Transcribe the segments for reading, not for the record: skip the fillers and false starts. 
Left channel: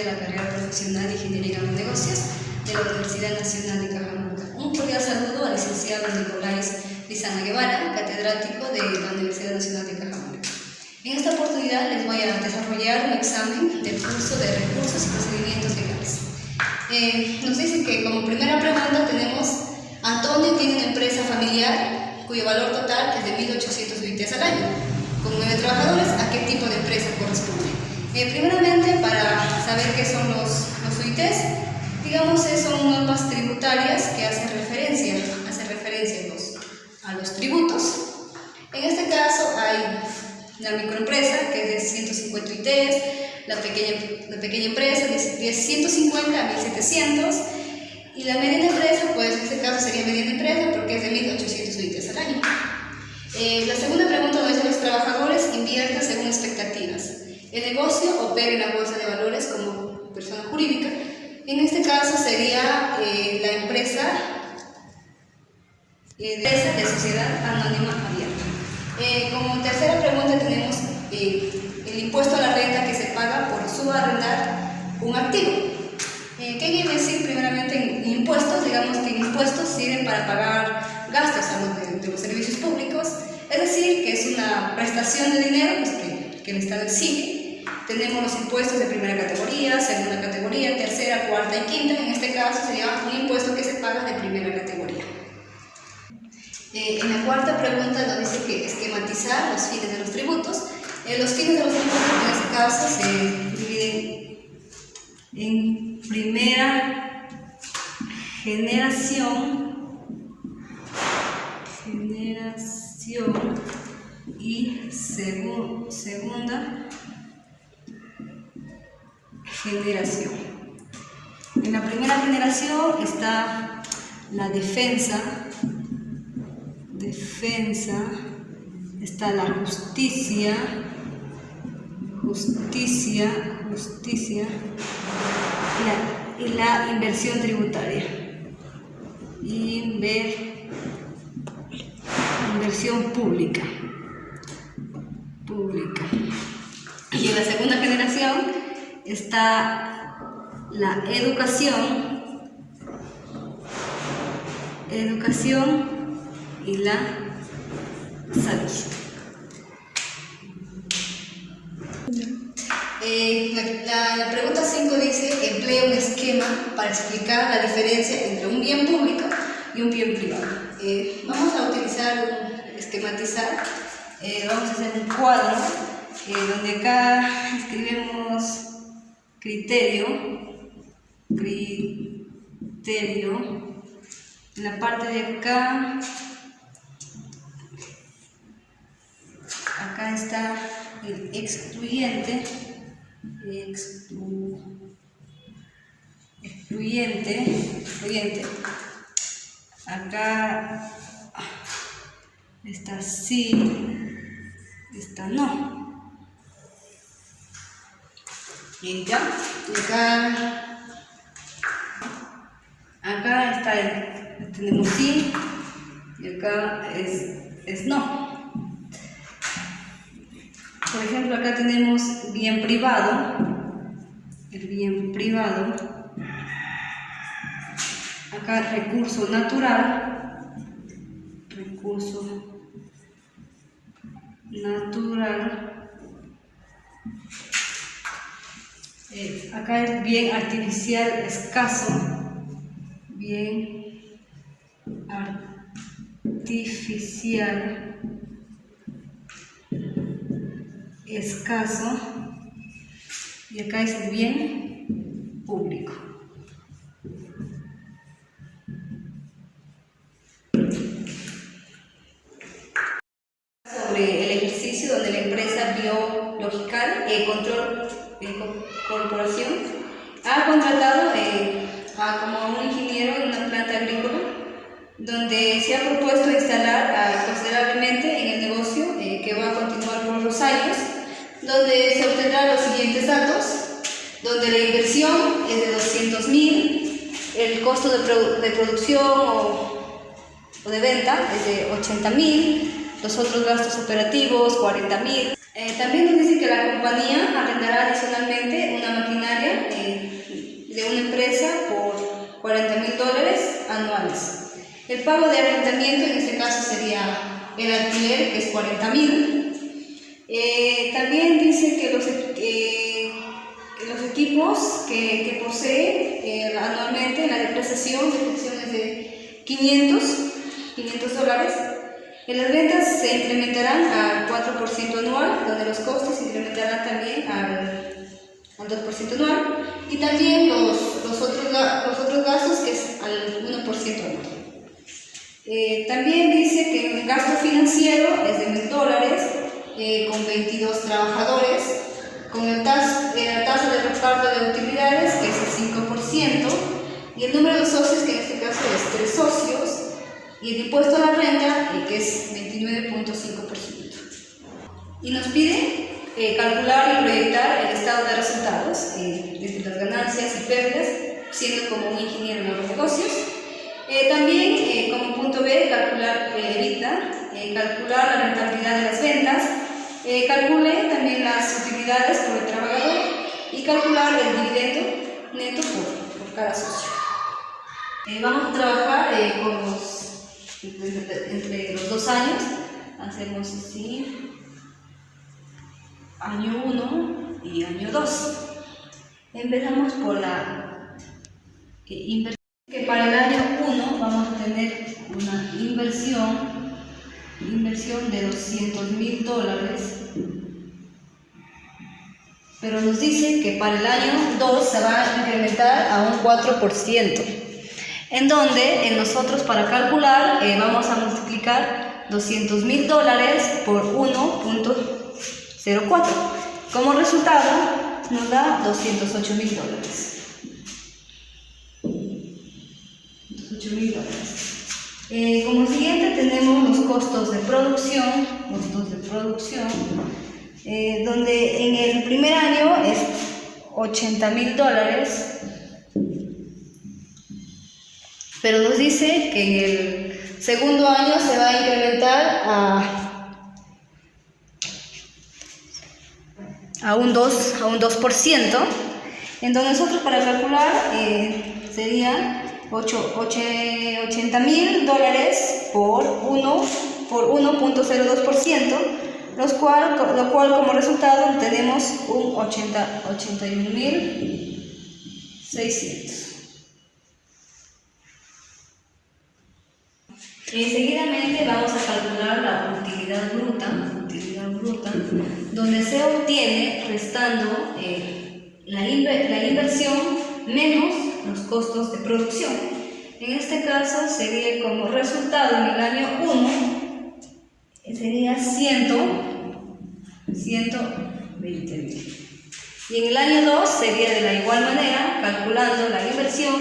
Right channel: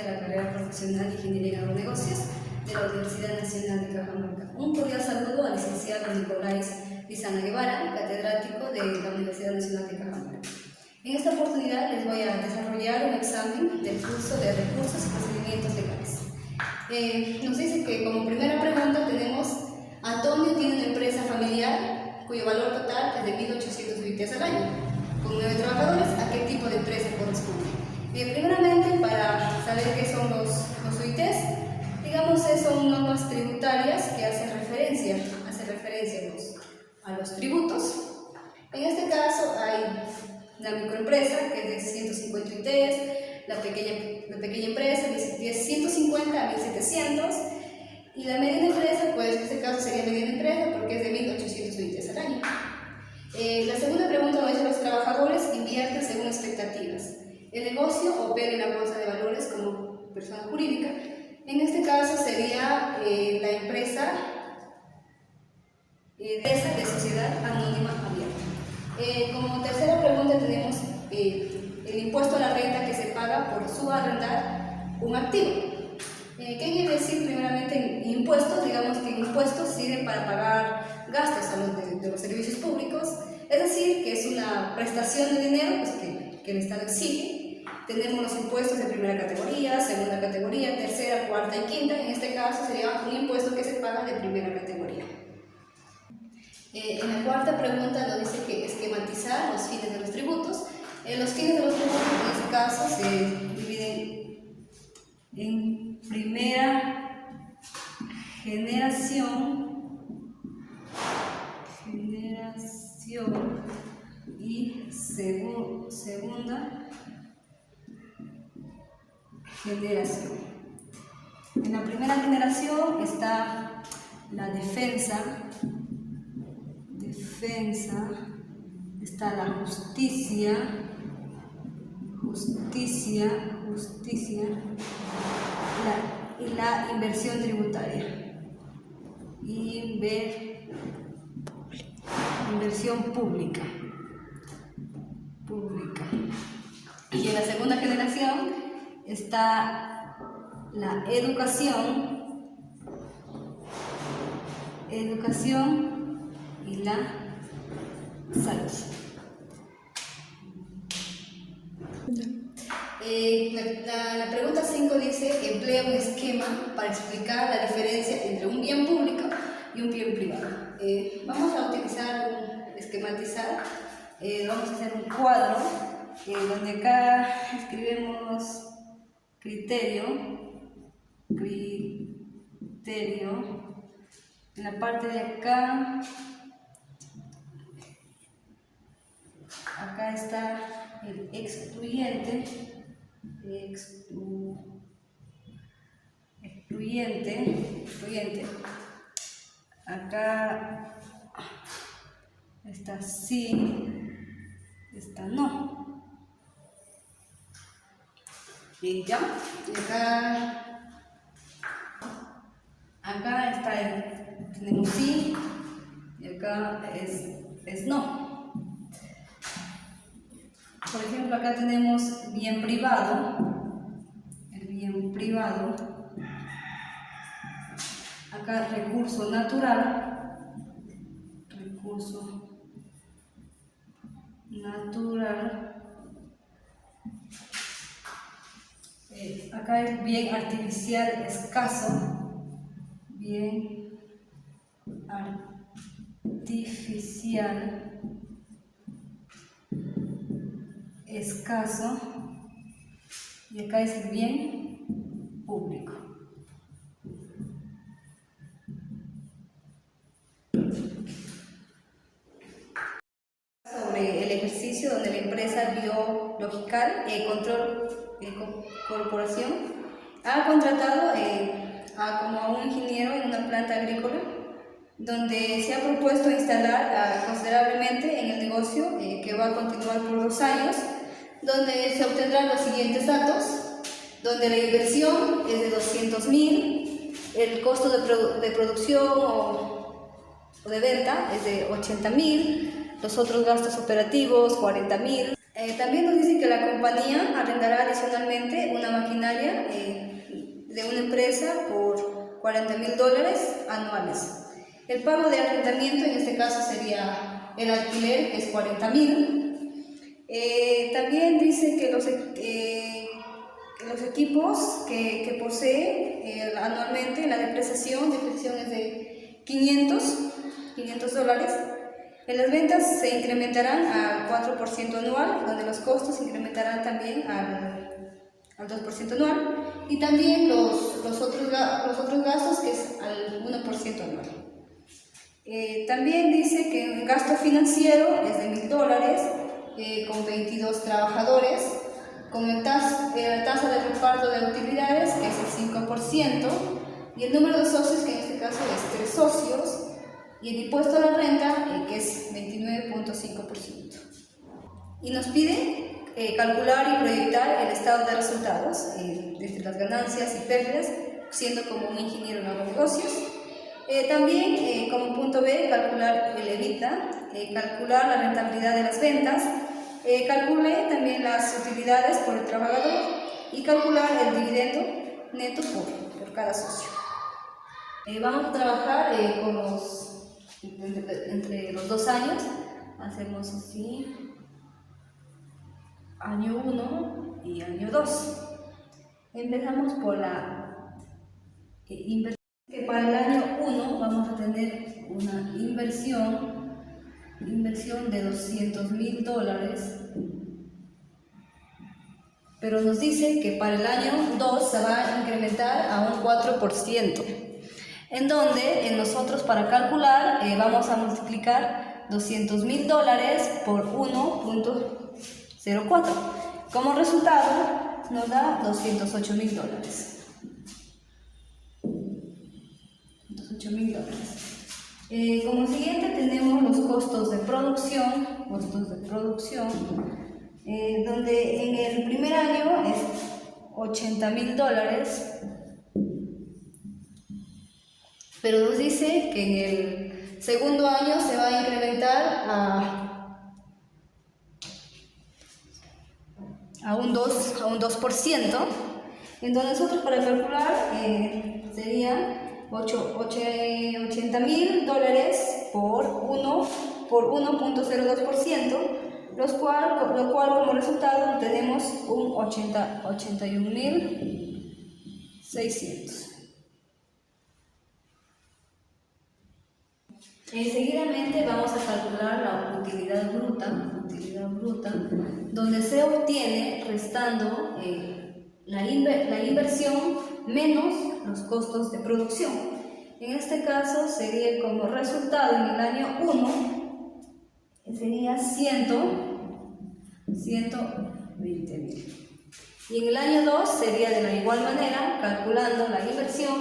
de la carrera profesional de Ingeniería en los Negocios de la Universidad Nacional de Cajamarca. Un cordial saludo al licenciado Nicolás Lizana Guevara, catedrático de la Universidad Nacional de Cajamarca. En esta oportunidad les voy a desarrollar un examen del curso de Recursos y Procedimientos Legales. Nos dice que como primera pregunta tenemos: Antonio tiene una empresa familiar cuyo valor total es de 1.800 UITs al año. Con 9 trabajadores, ¿a qué tipo de empresa corresponde? Primeramente, para saber qué son los UITs, digamos que son normas tributarias que hacen referencia a los tributos. En este caso hay la microempresa, que es de 150 UITs, la pequeña empresa de 150 a 1.700, y la mediana empresa, pues en este caso sería mediana empresa porque es de 1.800 UITs al año. La segunda pregunta nos dice: los trabajadores invierten según expectativas. El negocio opera en la bolsa de valores como persona jurídica. En este caso sería la empresa de sociedad anónima abierta. Como tercera pregunta tenemos el impuesto a la renta que se paga por subarrendar un activo. ¿Qué quiere decir? Primeramente, en impuestos, digamos que en impuestos sirven para pagar gastos de los servicios públicos, es decir, que es una prestación de dinero pues, que el Estado exige. Tenemos los impuestos de primera categoría, segunda categoría, tercera, cuarta y quinta. En este caso sería un impuesto que se paga de primera categoría. En la cuarta pregunta nos dice que esquematizar los fines de los tributos. Los fines de los tributos en este caso se dividen en primera generación y segunda generación. En la primera generación está la defensa, está la justicia y la inversión tributaria. Inversión pública. Y en la segunda generación está la educación y la salud. La pregunta 5 dice: emplea un esquema para explicar la diferencia entre un bien público y un bien privado. Vamos a esquematizar. Vamos a hacer un cuadro donde acá escribimos criterio. En la parte de acá está el excluyente. Acá está sí, está no. Y ya, acá está tenemos sí y acá es no. Por ejemplo, acá tenemos bien privado, el bien privado. Acá recurso natural. Acá es bien artificial escaso. Bien artificial escaso. Y acá es el bien público. Sobre el ejercicio donde la empresa Biological Control Corporación ha contratado como un ingeniero en una planta agrícola, donde se ha propuesto instalar considerablemente en el negocio que va a continuar por los años, donde se obtendrán los siguientes datos, donde la inversión es de 200.000, el costo de producción o de venta es de 80.000, los otros gastos operativos 40.000. También nos dice que la compañía arrendará adicionalmente una maquinaria El pago de arrendamiento en este caso sería el alquiler, que es 40.000. También dice que los equipos que posee anualmente, la depreciación es de $500. Las ventas se incrementarán al 4% anual, donde los costos se incrementarán también al 2% anual, y también los otros gastos, que es al 1% anual. También dice que el gasto financiero es de $1.000, con 22 trabajadores, con la tasa de reparto de utilidades, que es el 5%, y el número de socios, que en este caso es 3 socios, y el impuesto a la renta, que es 29.5%. Y nos pide calcular y proyectar el estado de resultados, desde las ganancias y pérdidas, siendo como un ingeniero en negocios. También, como punto B, calcular el EBITDA, calcular la rentabilidad de las ventas, calcule también las utilidades por el trabajador y calcular el dividendo neto por cada socio. Vamos a trabajar entre los 2 años. Hacemos así: año 1 y año 2. Empezamos por la inversión, que para el año 1 vamos a tener una inversión de $200.000, pero nos dice que para el año 2 se va a incrementar a un 4%, en donde nosotros, para calcular, vamos a multiplicar $200.000 por 1.04. Como resultado nos da $208.000. Como siguiente tenemos los costos de producción, donde en el primer año es $80.000, pero nos dice que en el segundo año se va a incrementar a un 2%, en donde nosotros, para calcular, sería $80.000 por 1.02%, lo cual como resultado tenemos un 81.600. Seguidamente vamos a calcular la utilidad bruta, donde se obtiene restando la inversión menos los costos de producción. En este caso sería, como resultado, en el año 1 sería 120.000. Y en el año 2 sería de la igual manera, calculando la inversión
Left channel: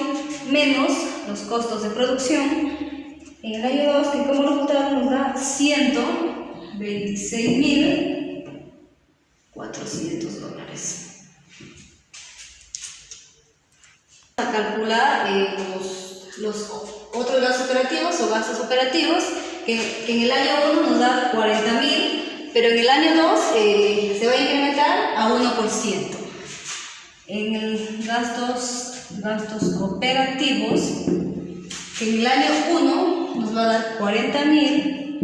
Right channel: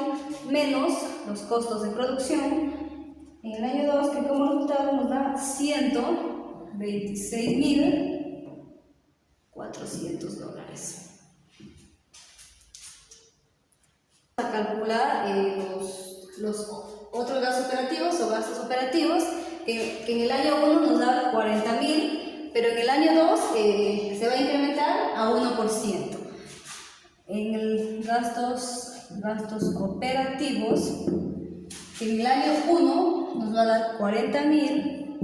menos los costos de producción. En el año 2, que como resultado nos da $126.400. A calcular los otros gastos operativos o gastos operativos, que en el año 1 nos da $40.000, pero en el año 2 se va a incrementar a 1%. En el gastos operativos, que en el año 1 nos va a dar $40.000,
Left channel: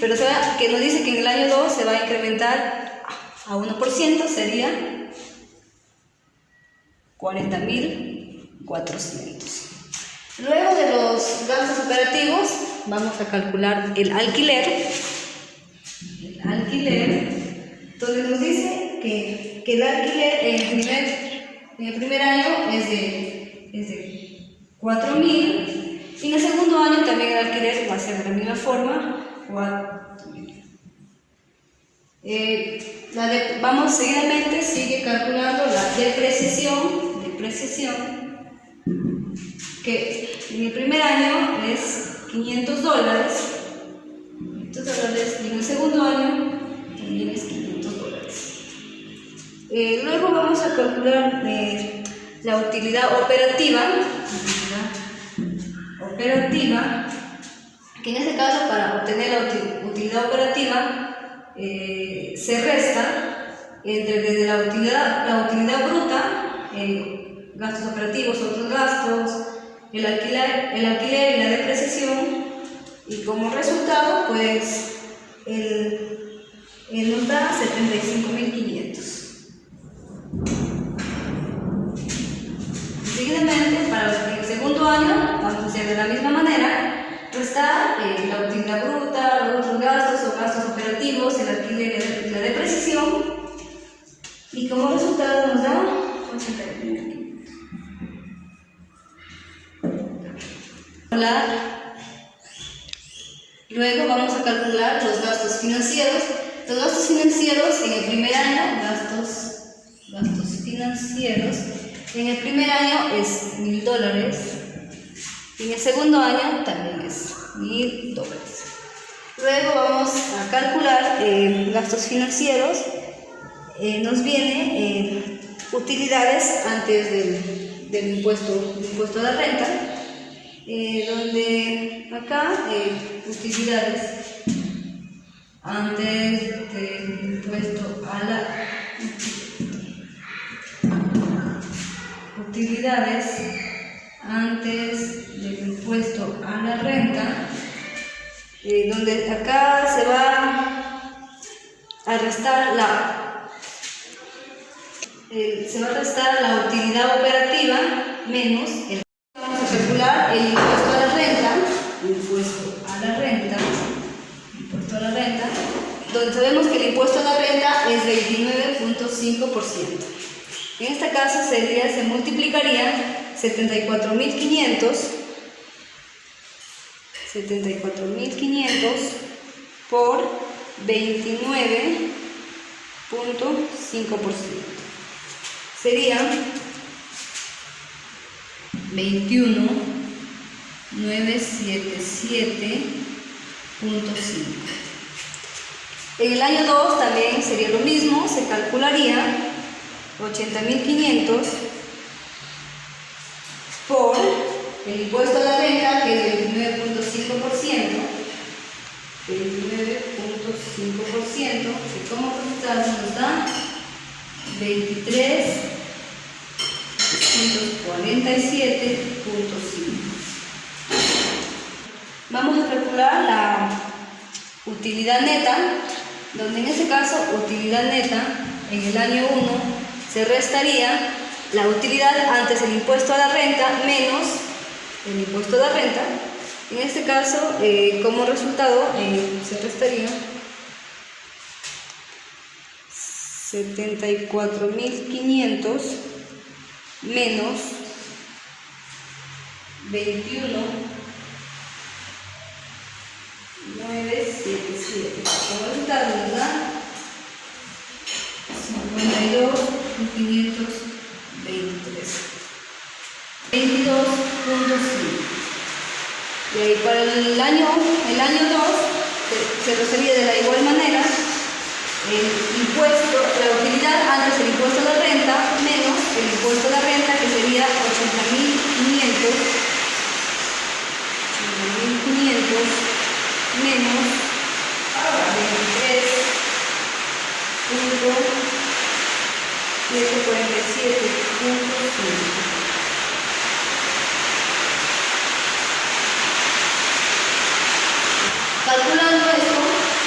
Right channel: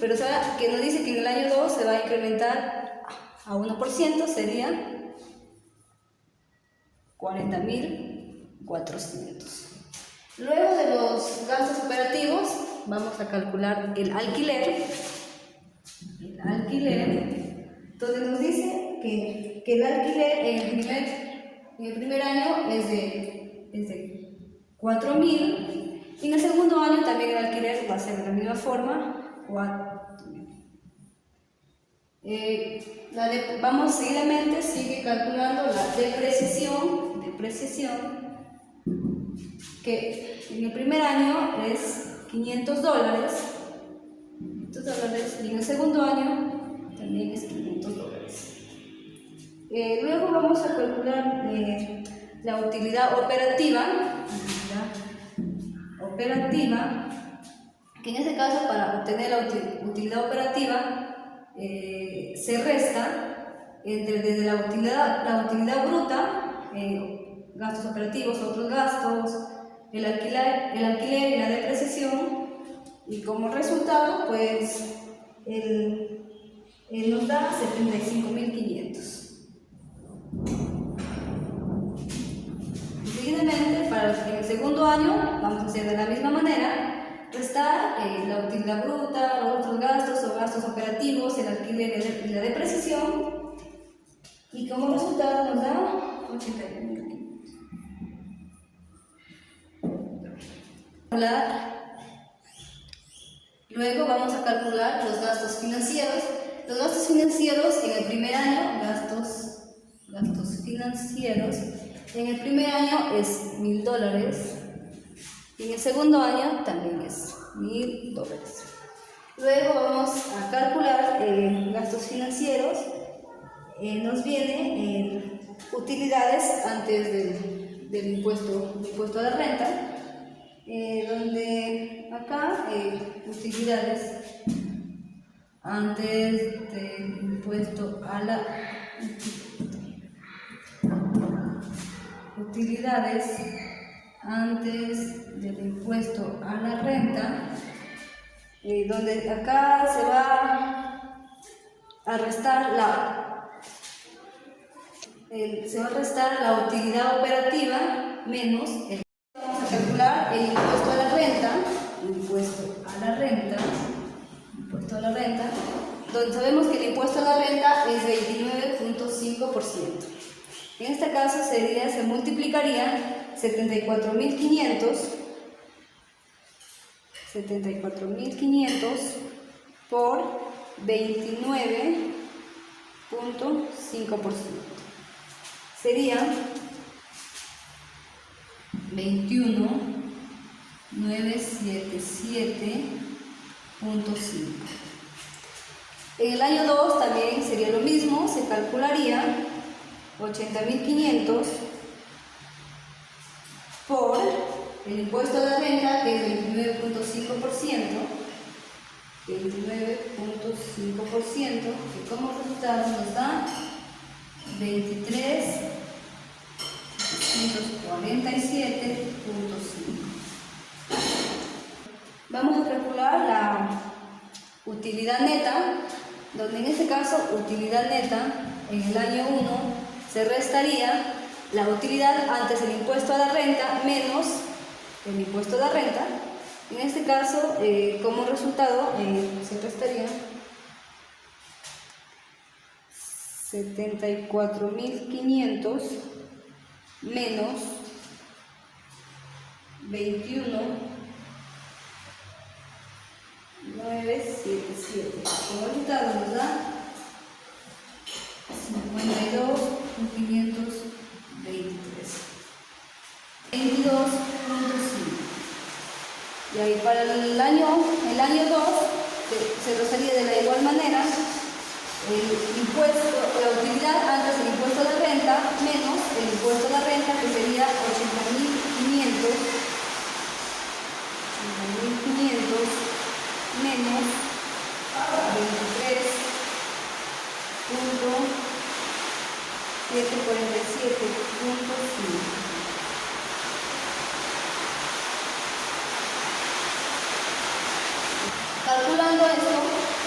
pero que nos dice que en el año 2 se va a incrementar a 1%, sería $40.400. Luego de los gastos operativos, vamos a calcular el alquiler, donde nos dice que el alquiler en el primer año es de $4.000, y en el segundo año también el alquiler va a ser de la misma forma, $4.000. Vamos seguidamente, sigue calculando la depreciación, que en el primer año es $500, y en el segundo año también es $500. Luego vamos a calcular la utilidad operativa, que en este caso, para obtener la utilidad operativa, se resta desde la utilidad bruta, gastos operativos, otros gastos, el alquiler y la depreciación, y como resultado pues él nos da 75.500. Seguidamente, para el segundo año vamos a hacer de la misma manera, restar la utilidad bruta, los otros gastos o gastos operativos, el alquiler y la depreciación, y como resultado nos da 80.000. Luego vamos a calcular los gastos financieros. Los gastos financieros en el primer año, gastos financieros, en el primer año es $1.000. Y en el segundo año también es $1.000. Luego vamos a calcular gastos financieros. Nos viene utilidades antes del impuesto a la renta, donde acá utilidades antes del impuesto a la renta, donde acá se va a restar la utilidad operativa menos el. Vamos a calcular el impuesto a la renta, donde sabemos que el impuesto a la renta es 29.5%. En este caso se multiplicaría 74.500 por 29.5%. Sería 21.977.5. En el año 2 también sería lo mismo, se calcularía 80.500 por el impuesto a la renta, que es el 29.5%, que como resultado nos da 23.47.5. Vamos a calcular la utilidad neta, donde en este caso utilidad neta en el año 1 se restaría la utilidad antes del impuesto a la renta menos el impuesto a la renta. En este caso, como resultado, se restaría 74.500 menos 21.977. Como resultado nos da 52.523. 22.5. Para el año 2 se procedería de la igual manera el impuesto, la utilidad antes del impuesto a la renta menos el impuesto a la renta, que sería 80.500 menos 23.747.5. Calculando esto,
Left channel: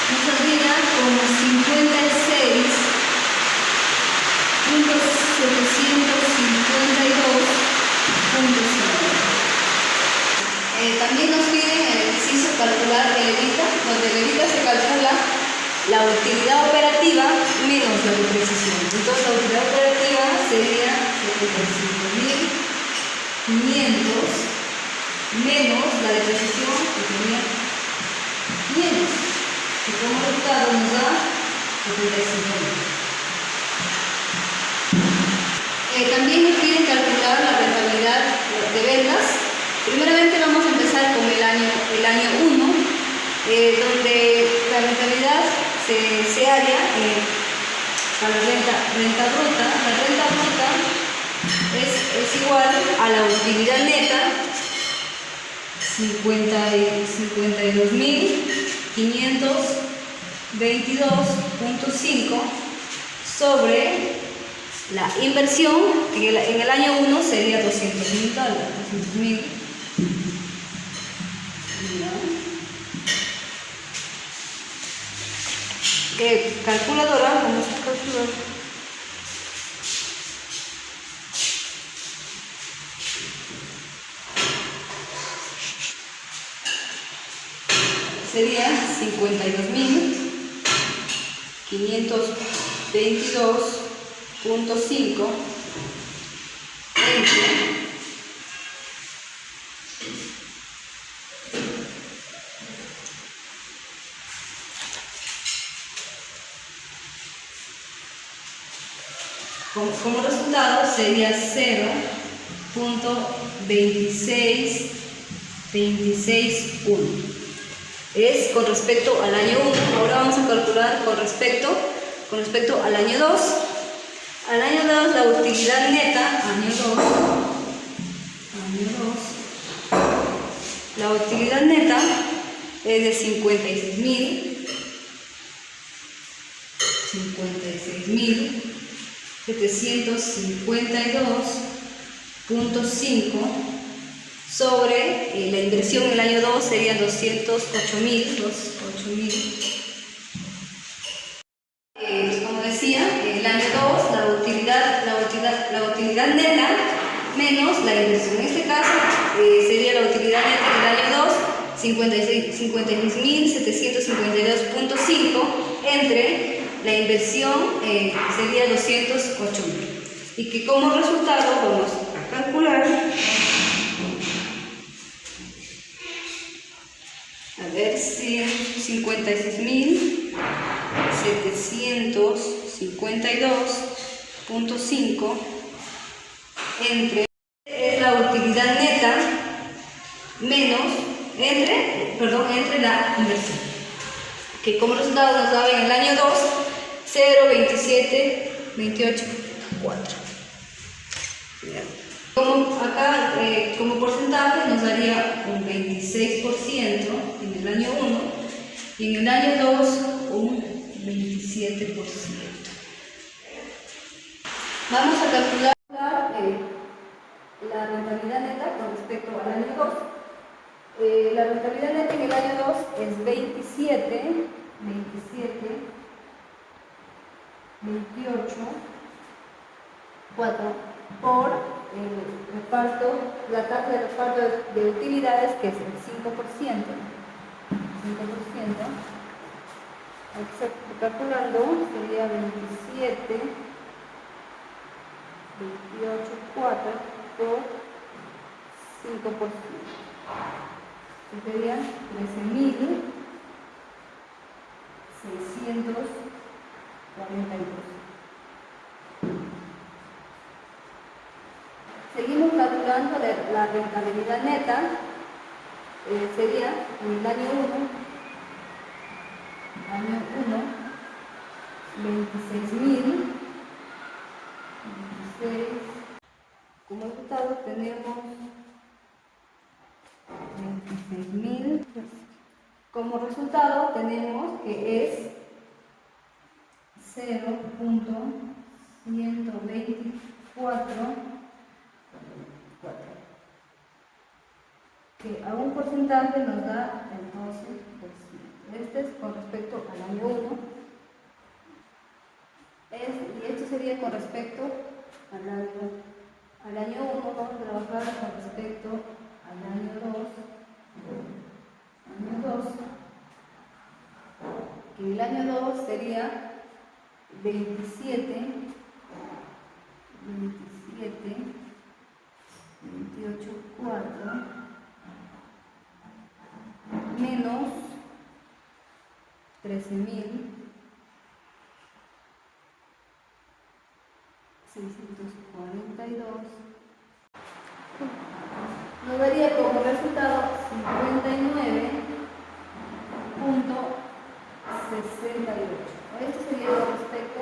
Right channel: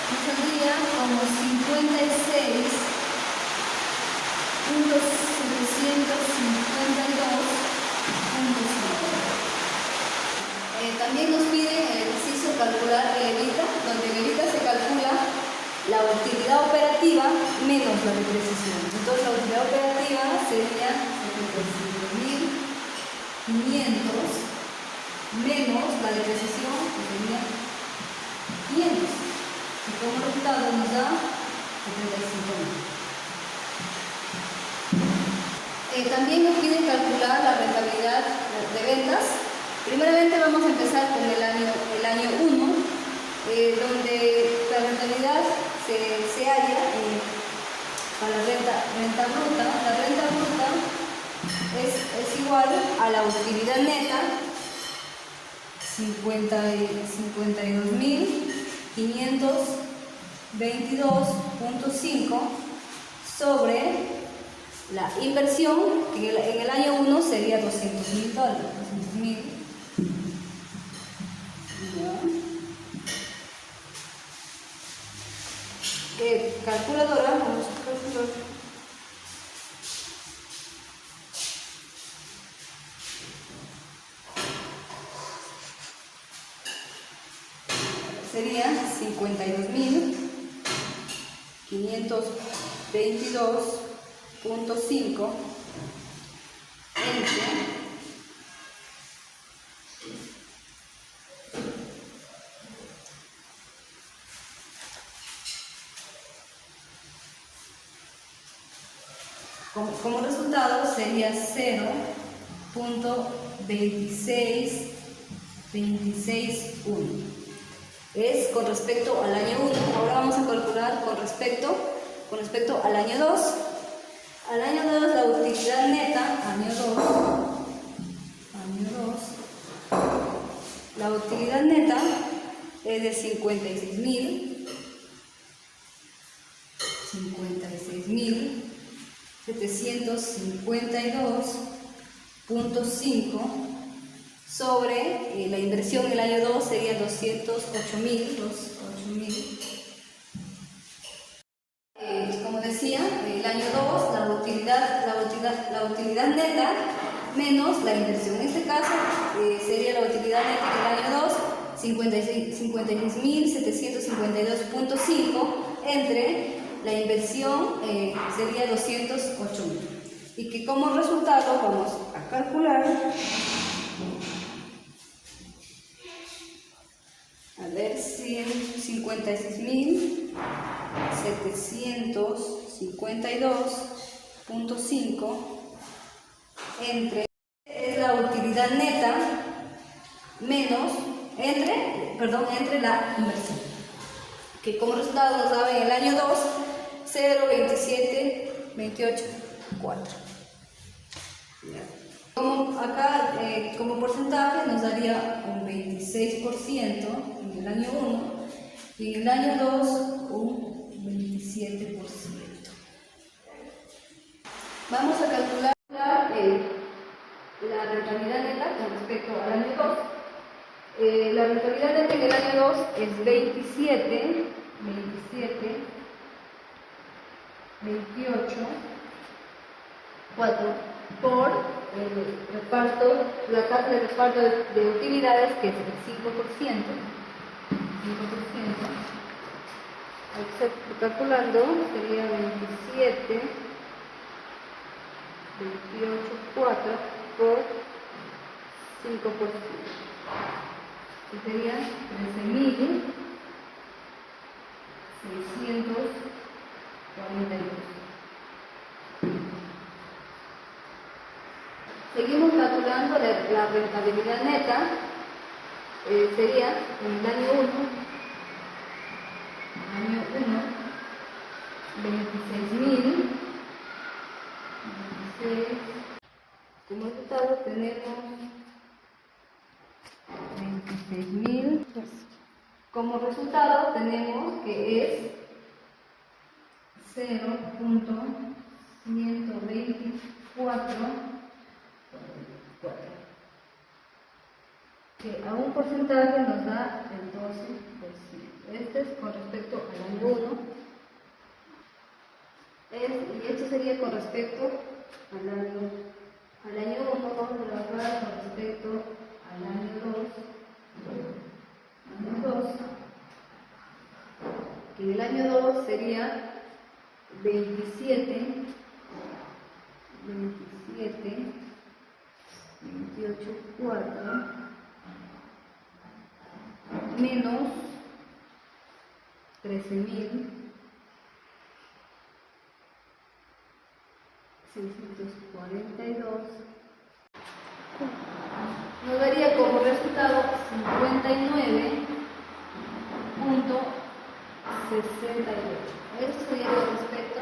nos saldría como 56.752.5. También nos piden el ejercicio calcular el EBITDA, donde el EBITDA se calcula la utilidad operativa menos la depreciación. Entonces la utilidad operativa sería 75.500 menos la depreciación, que sería 500, que como resultado nos da 75.000. También nos piden calcular la rentabilidad de ventas. Primeramente vamos a empezar con el año 1, donde la rentabilidad se halla para la renta bruta. La renta bruta es igual a la utilidad neta, 52.522.5 sobre la inversión, que en el año 1 sería $200.000. Calculadora, vamos a calcular. Sería 52.522.5 entre como resultado sería 0.26261. Es con respecto al año 1. Ahora vamos a calcular con respecto al año 2. Al año 2 la utilidad neta, la utilidad neta es de 56.752.5 sobre la inversión en el año 2 serían 208.000. Como decía, en el año 2 la utilidad neta menos la inversión. En este caso sería la utilidad neta en el año 2 56.752.5 entre la inversión sería 208.000. Y que como resultado vamos a calcular. A ver, 56.752.5 entre es la utilidad neta menos entre la inversión, que como resultado nos daba en el año 2 0.2728.4. Como acá, como porcentaje nos daría un 26% en el año 1 y en el año 2 un 27%. Vamos a calcular la rentabilidad neta con respecto al año 2. La rentabilidad neta en el año 2 es 28.4 por la tasa de reparto de utilidades, que es el 5%. Calculando sería 28.4 por 5%. Que sería 13.642. Seguimos calculando la rentabilidad neta. Sería en el año 1, 26.000. Como resultado tenemos 26.000. Como resultado tenemos que es 0.124, que a un porcentaje nos da el 12%. Este es con respecto al año 1. Y esto sería con respecto al año 1. Vamos a trabajar con respecto al año 2. Que el año 2 sería 28.4 menos 13.642 nos daría como resultado 59.68. Esto sería con respecto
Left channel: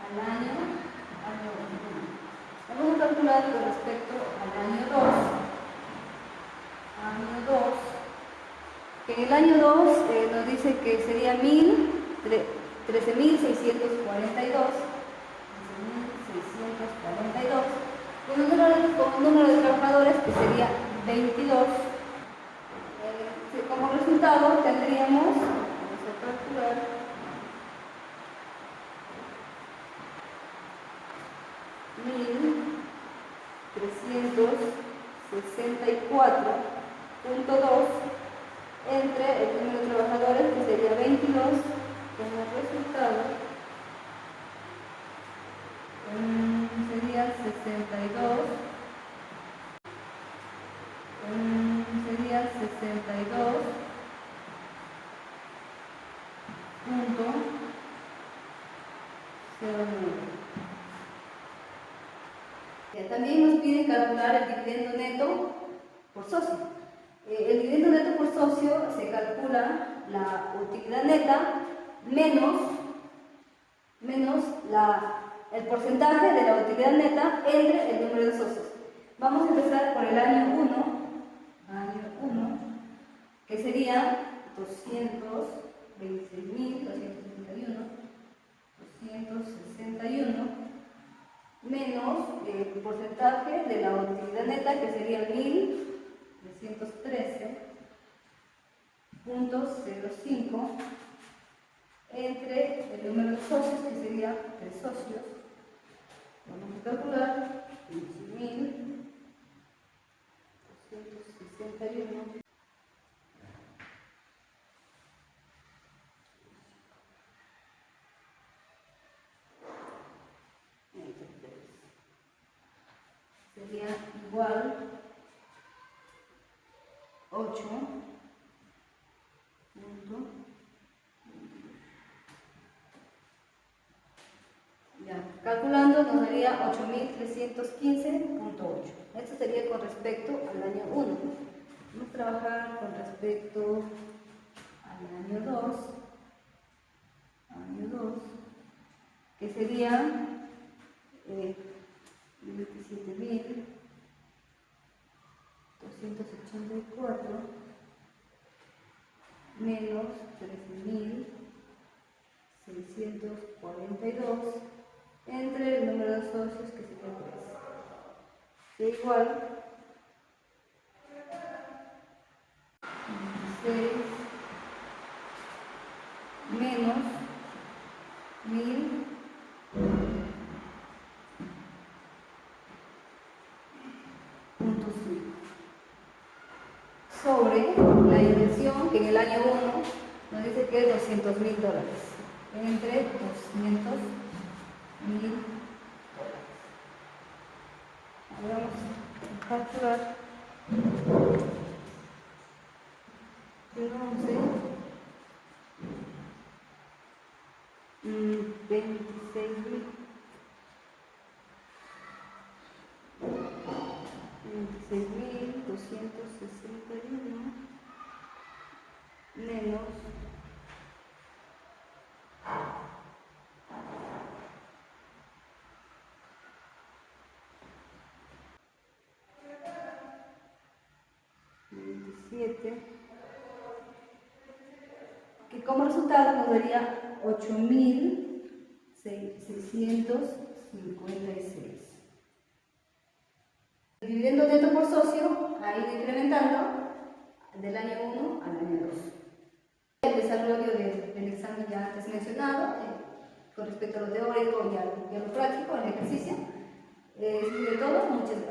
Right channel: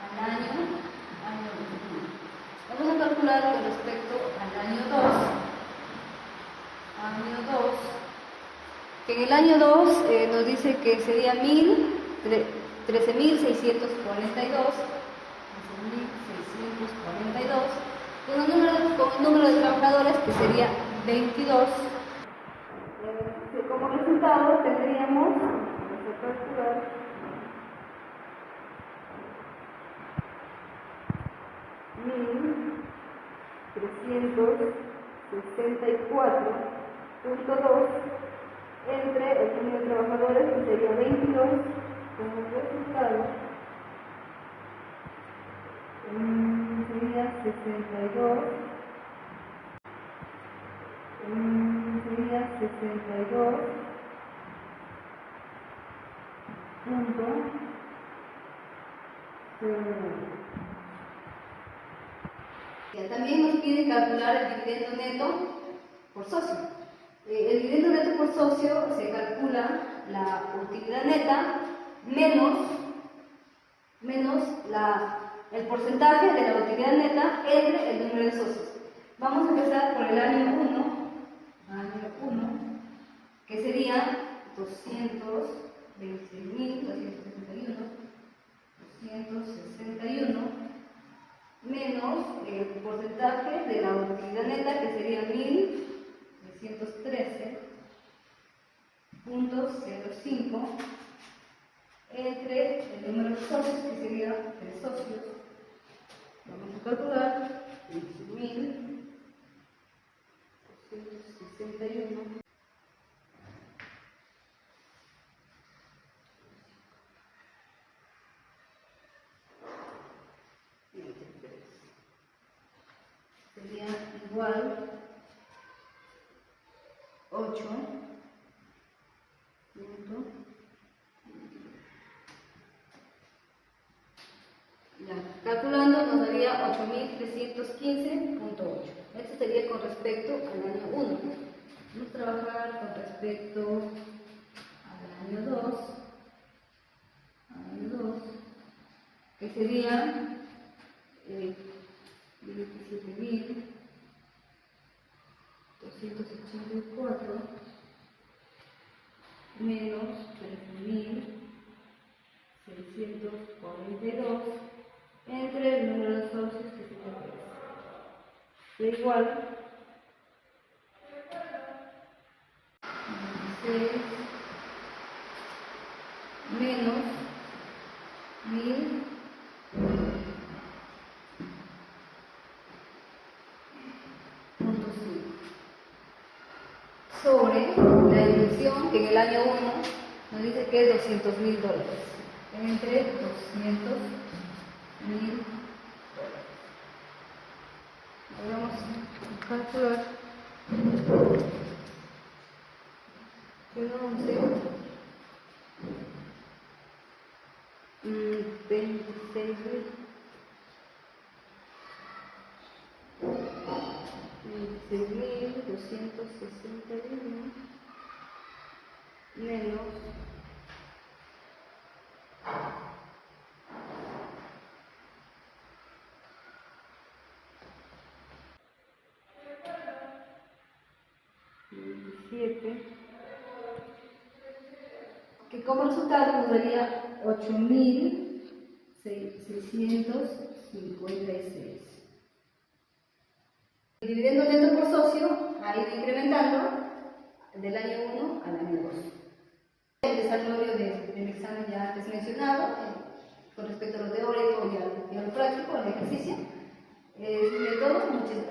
al año 1. Vamos a calcular con respecto al año 2. Que en el año 2 nos dice que sería 13.642 con un número de trabajadores que sería 22. Como resultado tendríamos, vamos a calcular, 1364.2 entre el número de trabajadores, que sería 22, como resultado sería 62, sería 62.09. También nos piden calcular el dividendo neto por socio. El dividendo neto por socio se calcula la utilidad neta menos el porcentaje de la utilidad neta entre el número de socios. Vamos a empezar por el año 1, que sería 226.261 menos el porcentaje de la utilidad neta, que sería 1.313.05 entre el número de socios, que sería 3 socios. Vamos a calcular 15.261 entre 3. Sería igual 8. Ya, calculando nos daría 8.315.8. Esto sería con respecto al año 1. Vamos a trabajar con respecto al año 2, que sería 27.284 menos 13.642 entre el número de socios, que sería 3. Da igual 26 menos 1.5 sobre la inversión, que en el año 1 nos dice que es $200.000, entre $200.000. Vamos a calcular 11, 26.261 menos 27, que como resultado nos daría 8.656. El dividendo neto por socio ha ido incrementando del año 1 al año 2. El desarrollo del examen ya antes mencionado, con respecto a lo teórico y a lo práctico, el ejercicio. Es de todo. Muchas gracias.